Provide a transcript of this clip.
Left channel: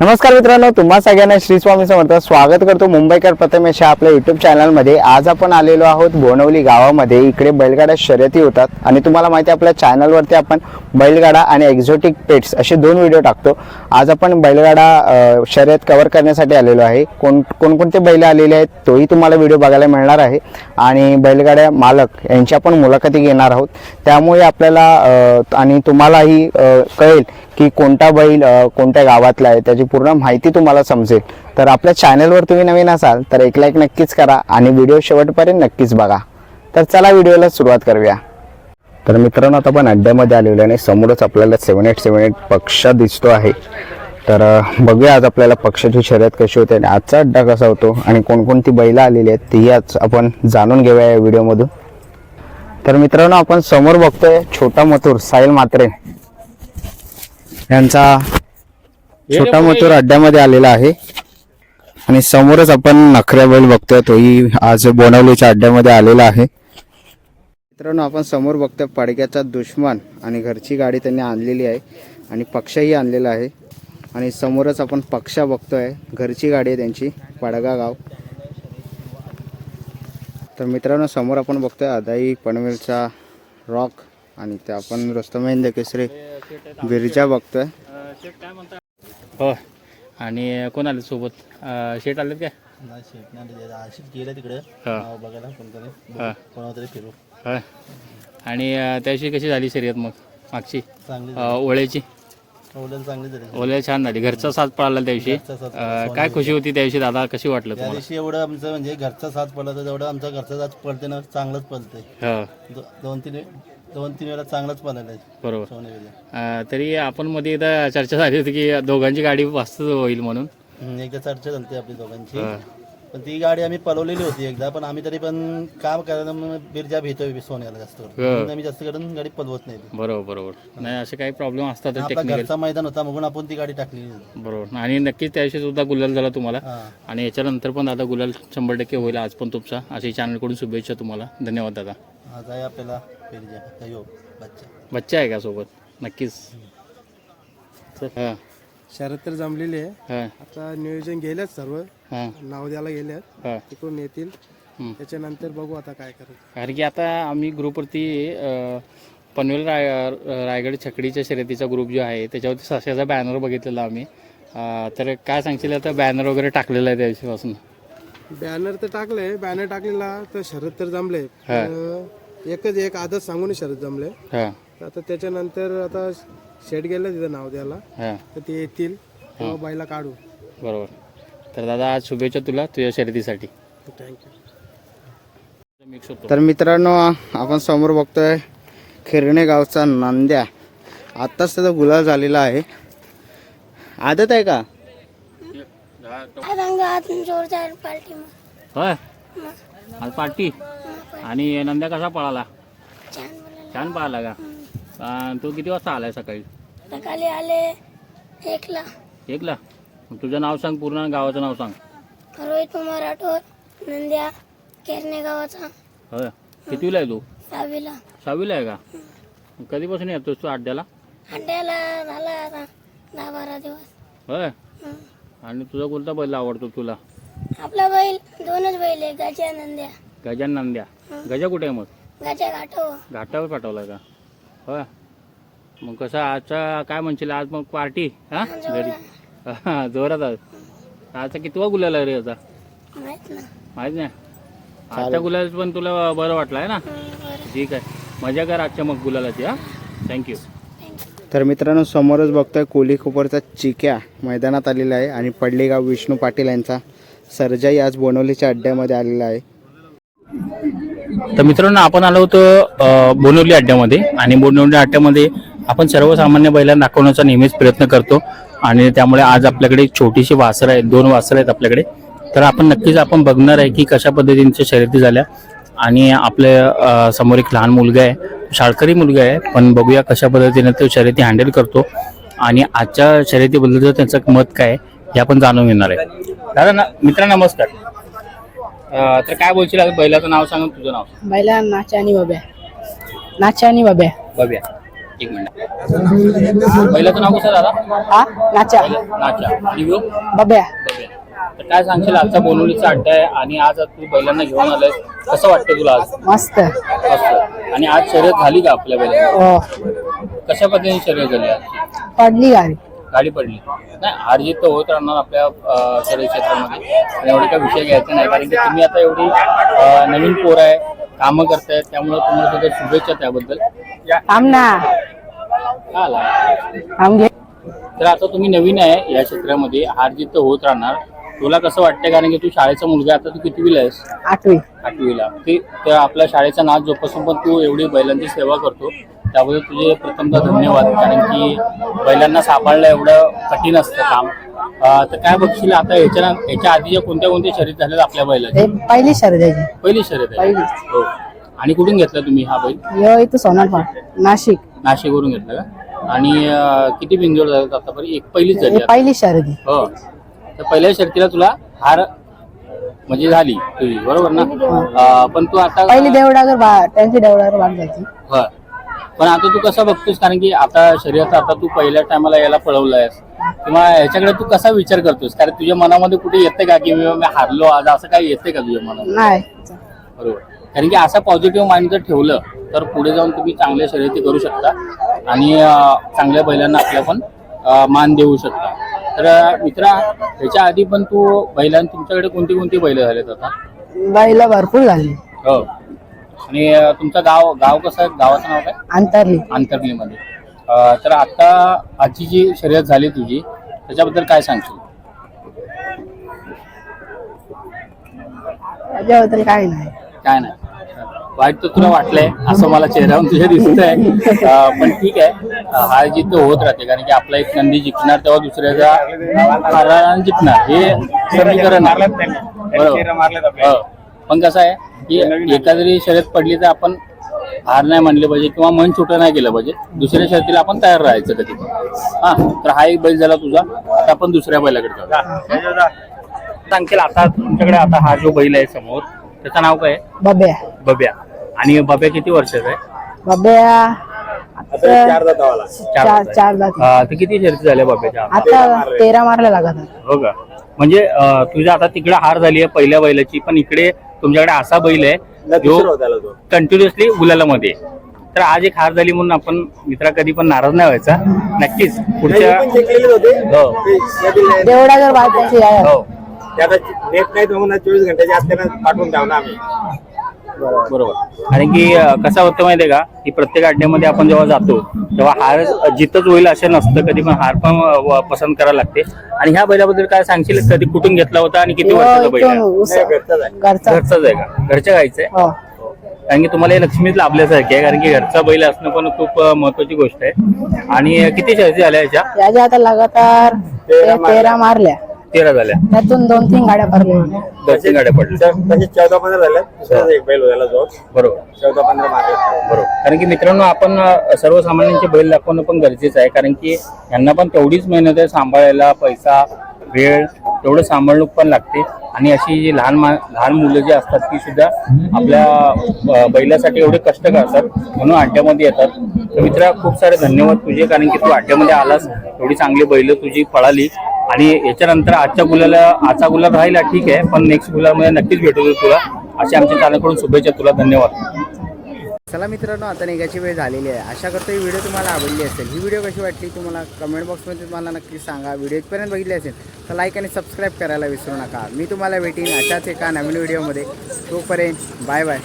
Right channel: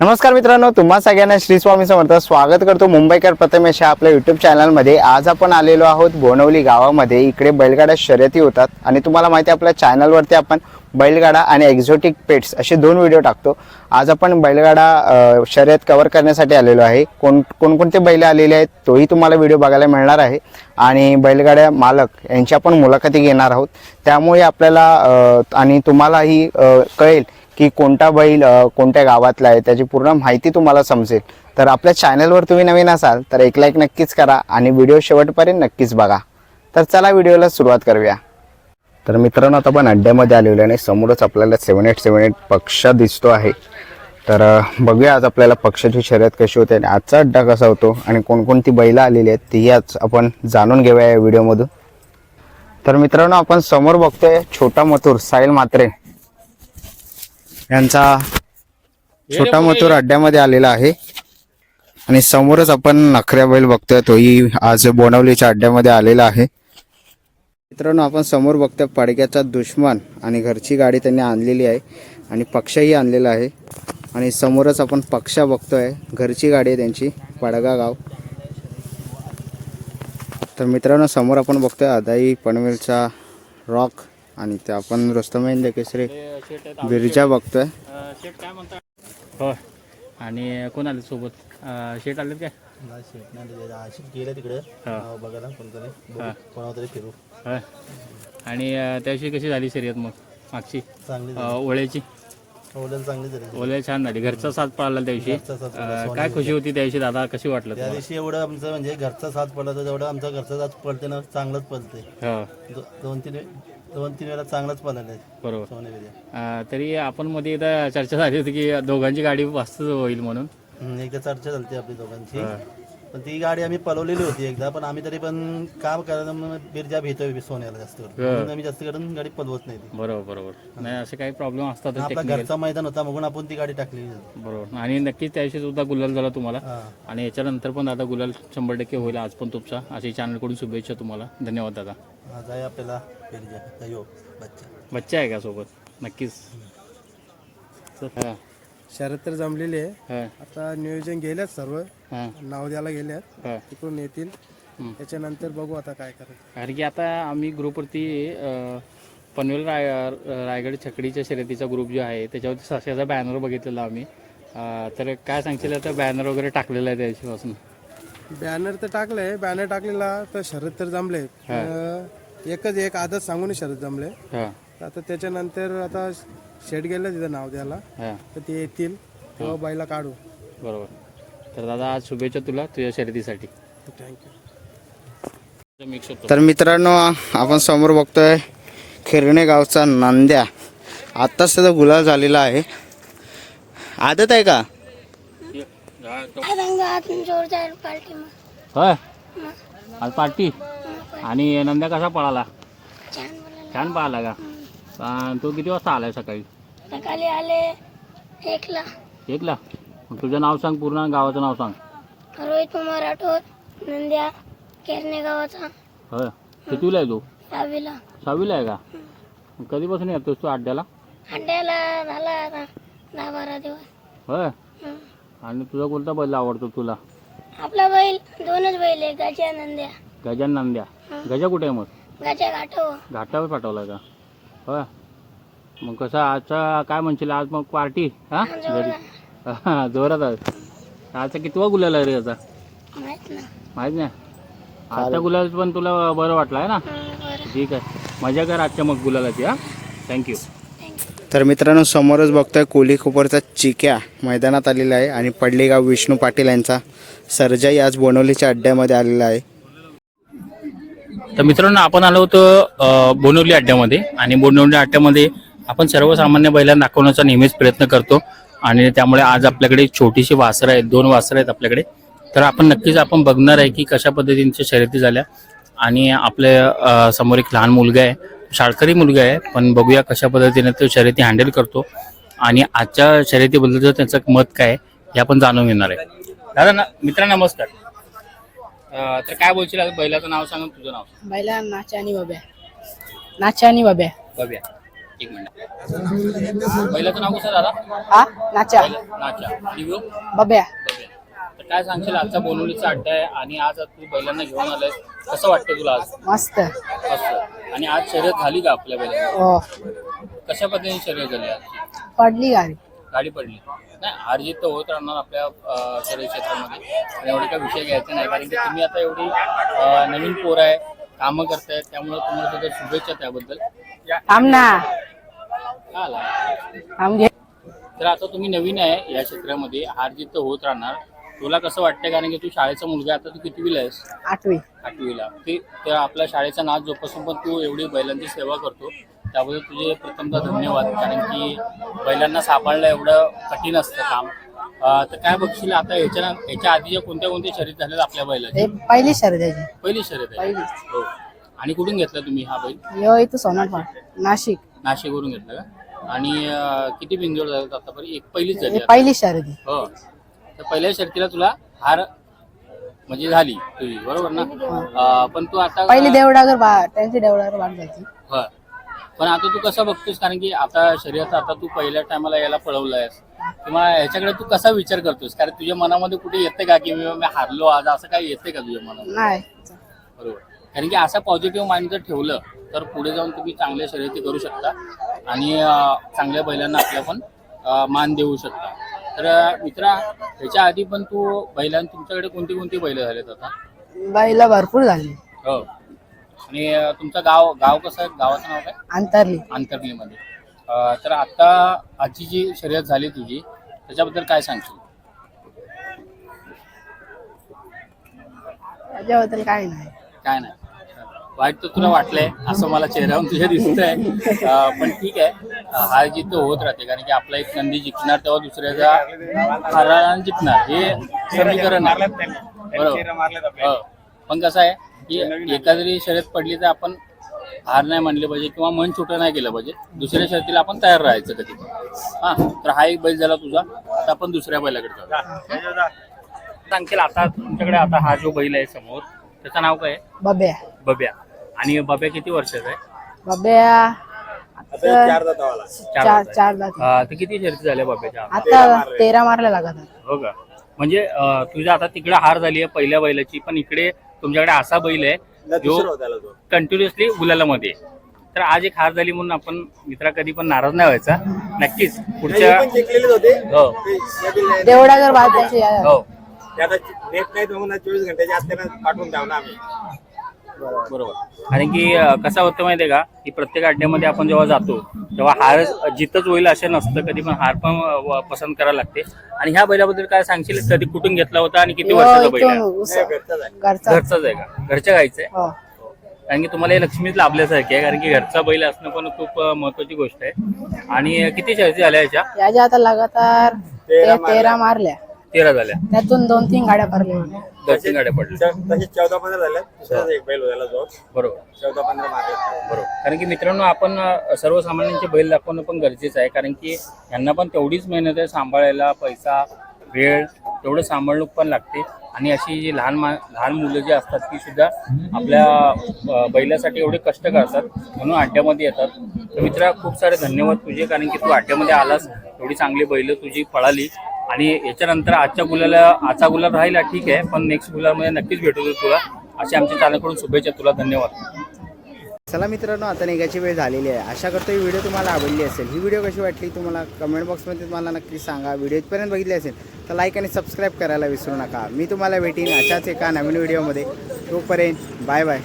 नमस्कार मित्रांनो तुम्हा सगळ्यांना श्री स्वामी समर्थ स्वागत करतो मुंबईकर प्रथमेश आपल्या युट्यूब चॅनलमध्ये आज आपण आलेलो आहोत बोनवली गावामध्ये. इकडे बैलगाड्या शर्यती होतात आणि तुम्हाला माहिती आहे आपल्या चॅनलवरती आपण बैलगाडा आणि एक्झोटिक पेट्स असे दोन व्हिडिओ टाकतो. आज आपण बैलगाडा शर्यत कव्हर करण्यासाठी आलेलो आहे. कोण कोणकोणते बैल आलेले आहेत तोही तुम्हाला व्हिडिओ बघायला मिळणार आहे. आणि बैलगाड्या मालक यांची आपण मुलाखती घेणार आहोत. त्यामुळे आपल्याला आणि तुम्हालाही कळेल की कोणता बैल कोणत्या गावातला आहे त्याची पूर्ण माहिती तुम्हाला समजेल. तर आपल्या चॅनलवर तुम्ही नवीन असाल तर एक लाईक नक्कीच करा आणि व्हिडिओ शेवटपर्यंत नक्कीच बघा. तर चला व्हिडिओला सुरुवात करूया. तर मित्रांनो आता आपण अड्ड्यामध्ये आलेलो आहे आणि समोरच आपल्याला सेवन एट सेवन एट पक्ष दिसतो आहे. तर बघूया आज आपल्याला पक्षाची शर्यत कशी होते आणि आजचा अड्डा कसा होतो आणि कोणकोणती बैलं आलेली आहेत तेही आज आपण जाणून घेऊया या व्हिडिओमधून तर मित्रांनो आपण समोर बघतोय छोटा मथुर साहिल मात्रे यांचा छोटा मथुर अड्ड्यामध्ये आलेला आहे. आणि समोरच आपण नखऱ्या बैल बघतोय तोही आज बोनावलीच्या अड्ड्यामध्ये आलेला आहे. मित्रांनो आपण समोर बघतोय पडक्याचा दुश्मन आणि घरची गाडी त्यांनी आणलेली आहे आणि पक्षही आणलेला आहे. आणि समोरच आपण पक्षा बघतोय घरची गाडी आहे त्यांची पडगा गाव. तर मित्रांनो समोर आपण बघतोय अदाई पनवेलचा रॉक आणि ते आपण रस्तमहिंद केसरी बिरजा बघतोय. हो. आणि कोण आले सोबत शेट आले काय? नाही शेट नाही आशिष गेलं तिकडे. हा. नाव बघायला कोणतरी. हा. फिरू. आणि त्याविषयी कशी झाली शर्यत मग? मागची? चांगली ओळ्याची? ओढेल चांगली झाली. ओळ्या छान झाली. घरचा साथ पळाला त्या दिवशी काय खुशी होती त्या दिवशी दादा? कशी वाटलं त्या तुम्हाला? दिवशी एवढं आमचं म्हणजे घरचा साथ पडला तर तेवढं आमचा घरचा साथ पडते ना चांगलंच पडते हो. दोन तीन दोन तीन वेळा चांगलाच आहे बरोबर. अं, तरी आपण मध्ये एकदा चर्चा झाली होती की दोघांची गाडी मस्त होईल म्हणून. हम्म, एकदा चर्चा झाली आपली दोघांची. पण ती गाडी आम्ही पळवलेली होती एकदा पण आम्ही तरी पण काम करायला मग बिरजा भेटतोय सोन्याला जास्त करून. म्हणून आम्ही जास्त करून गाडी पळवत नाही ती. बरोबर बरोबर. नाही असे काही प्रॉब्लेम असतात आपला टेक्निकल घरचा मैदान होता म्हणून आपण ती गाडी टाकलेली होती. बरोबर. आणि नक्कीच त्या दिवशी सुद्धा गुलाल झाला तुम्हाला. हा. आणि याच्यानंतर पण दादा गुलाल शंभर टक्के होईल आज पण तुमचा. अशी चॅनलकडून शुभेच्छा तुम्हाला. धन्यवाद दादा. आज आहे आपल्याला योग बच्चा. बच्चा आहे का सोबत? नक्कीच. हां. शरद तर जमलेली आहे. हां. आता नियोजन गेलेत सर्व. हां. नाव द्यायला गेल्यात हां. तिकडून येतील. हम्म. त्याच्यानंतर बघू आता काय करायचं. कारण की आता आम्ही ग्रुपवरती अं, पनवेल राय रायगड छकडीच्या शर्यतीचा ग्रुप जो आहे त्याच्यावरती सस्याचा बॅनर बघितलेला आम्ही. अं, तर काय सांगशील आता बॅनर वगैरे टाकलेला आहे त्या दिवशीपासून बॅनर तर टाकलंय बॅनर टाकलेला तर शरद तर जमले. एकच एक आदत सांगून शरद जमले. आता त्याच्यानंतर आता शेड गेलं तिथं नाव द्यायला. तर ते येतील तेव्हा बाईला काढू. बरोबर. तर दादा आज शुभेच्छा तुला तुझ्या शर्यतीसाठी. थँक्यू तर मित्रांनो आपण समोर बघतोय खिरणे गावचा नांद्या. आत्ताच त्याचा गुलाल झालेला आहे. आदत आहे का? जोरदार पार्टी मग. होय? आज पार्टी? आणि नंद्या कसा पळाला? छान बोलायला छान पळाला का? अं, तो किती वाजता आलाय सकाळी? सकाळी आले एकला. एकला? मग तुझं नाव सांग पूर्ण आणि गावाचं नाव सांग. रोहित कुमार राठोड नंद्या केरणे गावाचा. होय. कितवीला आहे तू? सहावीला. सहावीला आहे का? मग कधीपासून येतोस तू अड्ड्याला? अंड्याला झाला आता दहा बारा दिवस. होय. हं. आणि तुझा कोणता बैल आवडतो तुला? आपला बैल दोनच बैल आहे गजा नंद्या. गजान नंद्या. गजा कुठे आहे मग? गजा गाठव घाटावर पाठवला का? होय. मग कसं आजचा काय म्हणशील? आज मग पार्टी हा? घरी. हा, जोरात आज आजचा कितवा गुलाल आहे रे याचा? माहीत ना माहीत नाही? आजचा गुलाल पण तुला बरं वाटलं आहे ना? हं, बरं. ठीक आहे. मजा कर आजच्या मग गुलालाची हा? थँक्यू तर मित्रांनो समोरच बघतोय कोली खोपरचा चिक्या मैदानात आलेला आहे आणि पडलेगाव विष्णू पाटील यांचा सर्जाई आज बोनवलीच्या अड्ड्यामध्ये आलेला आहे. तर मित्रांनो आपण आलो होतो बोनवली अड्ड्यामध्ये आणि बोनवली अड्ड्यामध्ये आपण सर्वसामान्य बैलांना दाखवण्याचा नेहमीच प्रयत्न करतो आणि त्यामुळे आज आपल्याकडे एक छोटीशी वासरं आहेत दोन वासरं आहेत आपल्याकडे. तर आपण नक्कीच आपण बघणार आहे की कशा पद्धतीच्या शर्यती झाल्या आणि आपल्यासमोर एक लहान मुलगा आहे शाळकरी मुलगा आहे पण बघूया कशा पद्धतीने तो शर्यती हँडल करतो. आणि आजच्या शर्यतीबद्दल त्यांचं मत काय हे आपण जाणून घेणार आहे. दादा न- मित्र नमस्कार. अ, तर काय बोलशील आता? बैलाचं नाव सांग तुझं नाव बैला नाचा आणि बाब्या. नाचा आणि बाब्या. बघूया एक मिनिट. पहिल्याचं नाव कसं दादा? हा? नाचा. नाचा. आणि? बब्या. तर काय सांगशील? आजचा बोनवलीचा अड्डा आहे आणि आज तू बैलांना घेऊन आलाय कसं वाटतं तुला आज? मस्त असं आणि आज शर्यत झाली का आपल्या बैलांची? हो. कशा पद्धतीने शर्यत झाली आज? पडली गाडी. गाडी पडली. नाही हार जीत तर होत राहणार आपल्या अं, शर्यत क्षेत्रामध्ये. आणि एवढे काही विषय घ्यायचे नाही कारण की तुम्ही आता एवढी अं, नवीन पोर आहे कामं करतायत त्यामुळे तुम्हाला सुद्धा शुभेच्छा त्याबद्दल. थांब ना. काय आला थांब घे. तर आता तुम्ही नवीन आहे या क्षेत्रामध्ये. हार जीत तर होत राहणार. तुला कसं वाटतंय? कारण की तू शाळेचा मुलगा आहे, आता तू कितवीला आहेस? आठवी. आठवीला. ते तर आपल्या शाळेचा नाच जोपासून पण तू एवढी बैलांची सेवा करतो. त्याबद्दल तुझे प्रथमतः धन्यवाद. कारण की बैलांना सांभाळणं एवढं कठीण असतं काम. अं, तर काय बघशील आता? याच्या याच्या आधीच्या कोणत्या कोणत्या शर्यत झाल्यात आपल्या बैलाच्या ते पहिली शर्यत पहिली शर्यत आहे. पहिली. हो. आणि कुठून घेतला तुम्ही हा बैल? यो इथं सोनारपाट नाशिक. नाशिकवरून घेतला का आणि अं, किती बिंजोड झाले आतापर्यंत? एक पहिलीच झाली हे आता. पहिली शर्यत हो. तर पहिल्या शर्तीला तुला हार म्हणजे झाली. तुझी बरोबर ना? अं, पण तू आता पहिली देवडागर बा त्यांची देवडागर बाग जायची. पण आता तू कसं बघतोस? कारण की आता शर्यत आता तू पहिल्या टायमाला याला पळवलंयस. किंवा ह्याच्याकडे तू कसा विचार करतोस? कारण तुझ्या मनामध्ये कुठे येते का की मी मी हारलो आज? असं काही येते का तुझ्या मनात नाही. बरोबर. कारण की असा पॉझिटिव्ह माइंड जर ठेवलं तर पुढे जाऊन तुम्ही चांगल्या शर्यती करू शकता. आणि अं, चांगल्या बैलांना आपल्या पण अं, मान देऊ शकता. तर मित्रा ह्याच्या आधी पण तू बैलां तुमच्याकडे कोणती कोणती बैल झालेत आता? बाईला भरपूर झाली. हो. आणि अं, तुमचं गाव गाव कसं आहे? गावाचं नाव काय? अंतरली. आंतरलीमध्ये अं, तर आता आजची जी शर्यत झाली तुझी त्याच्याबद्दल काय सांगशील? त्याच्याबद्दल काय नाही. काय नाही. वाईट तर तुला वाटलंय असं मला चेहऱ्यावरून तुझ्या दिसत आहे पण ठीक आहे. हार जीत तर होत राहते कारण की आपला एक नंदी जिंकणार तेव्हा दुसऱ्याचा हारणारा जिंकणार. हे समीकरण. बरोबर. हो. पण कसं आहे की एका जरी शर्यत पडली तर आपण हार नाही मानले पाहिजे किंवा मन छोटं नाही केलं पाहिजे. दुसऱ्या शर्यतीला आपण तयार राहायचं कधी हा तर हा एक बैल झाला तुझा. आता आपण दुसऱ्या बैलाकडे जाऊ. सांगशील आता तुमच्याकडे आता हा जो बैल आहे समोर त्याचं नाव काय आहे? बब्या बब्या आणि बब्या किती वर्षाचा आहे? बब्या आता चार चार जाती अं, तर किती शर्यती झाल्या बब्याच्या? आता तेरा मारल्या लागत हो का? म्हणजे अं, तुझ्या आता तिकडे हार झाली आहे पहिल्या बैलाची पण इकडे तुमच्याकडे असा बैल आहे जो कंटिन्युअसली गुलालामध्ये आहे. तर आज एक हार झाली म्हणून आपण मित्रा कधी पण नाराज नाही व्हायचा. नक्कीच पुढच्या हो. गाडी हो. नेट नाही म्हणून चोवीस घंट्याच्या आत पाठवून द्यावं ना आम्ही. बरोबर. कारण की कसं होतं माहितीये का की प्रत्येक अड्ड्यामध्ये आपण जेव्हा जातो तेव्हा हार जितच होईल असं नसतं कधी पण हार पण पसंत करायला लागते. आणि ह्या बैलाबद्दल काय सांगशील? कधी कुठून घेतला होता आणि किती वर्षाचा बैल घरचाच आहे. का? घरच्या गायचं आहे? हो. कारण की तुम्हाला हे लक्ष्मीत लाभल्यासारखे आहे कारण की घरचा बैल असणं पण खूप महत्वाची गोष्ट आहे. आणि किती शर्यती झाल्या याच्या? याच्या आता लगातार तेरा मारल्या. तेरा झाल्या. त्यातून दोन तीन गाड्या भरल्या दोन तीन गाड्या पडल्या. म्हणजे चौदा पंधरा झाले. दुसरा एक बैल झाला जो बरोबर. चौदा पंधरा बरोबर. कारण की मित्रांनो आपण अ, सर्वसामान्यांचे बैल दाखवणं पण गरजेचं आहे. कारण की यांना पण तेवढीच मेहनत आहे सांभाळायला पैसा वेळ तेवढं सांभाळणूक पण लागते. आणि अशी जी लहान मा लहान मुलं जी असतात ती सुद्धा आपल्या अ, बैलासाठी एवढे कष्ट करतात. म्हणून अड्ड्यामध्ये येतात. तर मित्रा खूप सारे धन्यवाद तुझे. कारण की तू अड्ड्यामध्ये आलास. एवढी चांगली बैल तुझी पळाली. आणि याच्यानंतर आजच्या गुलाला आजचा गुलाब राहिला ठीक आहे पण नेक्स्ट गुलाबमध्ये नक्कीच भेटू तुला. अशी आमच्या कानाकडून शुभेच्छा तुला धन्यवाद. चला मित्रांनो आता निघायची वेळ झालेली आहे. आशा करतो ही व्हिडिओ तुम्हाला आवडली असेल. ही व्हिडिओ कशी वाटली तुम्हाला कमेंट बॉक्समध्ये तुम्हाला नक्की सांगा. व्हिडिओ इथपर्यंत बघितली असेल तर लाईक आणि सबस्क्राईब करायला विसरू नका. मी तुम्हाला भेटीन अशाच एका नवीन व्हिडिओमध्ये. तोपर्यंत बाय बाय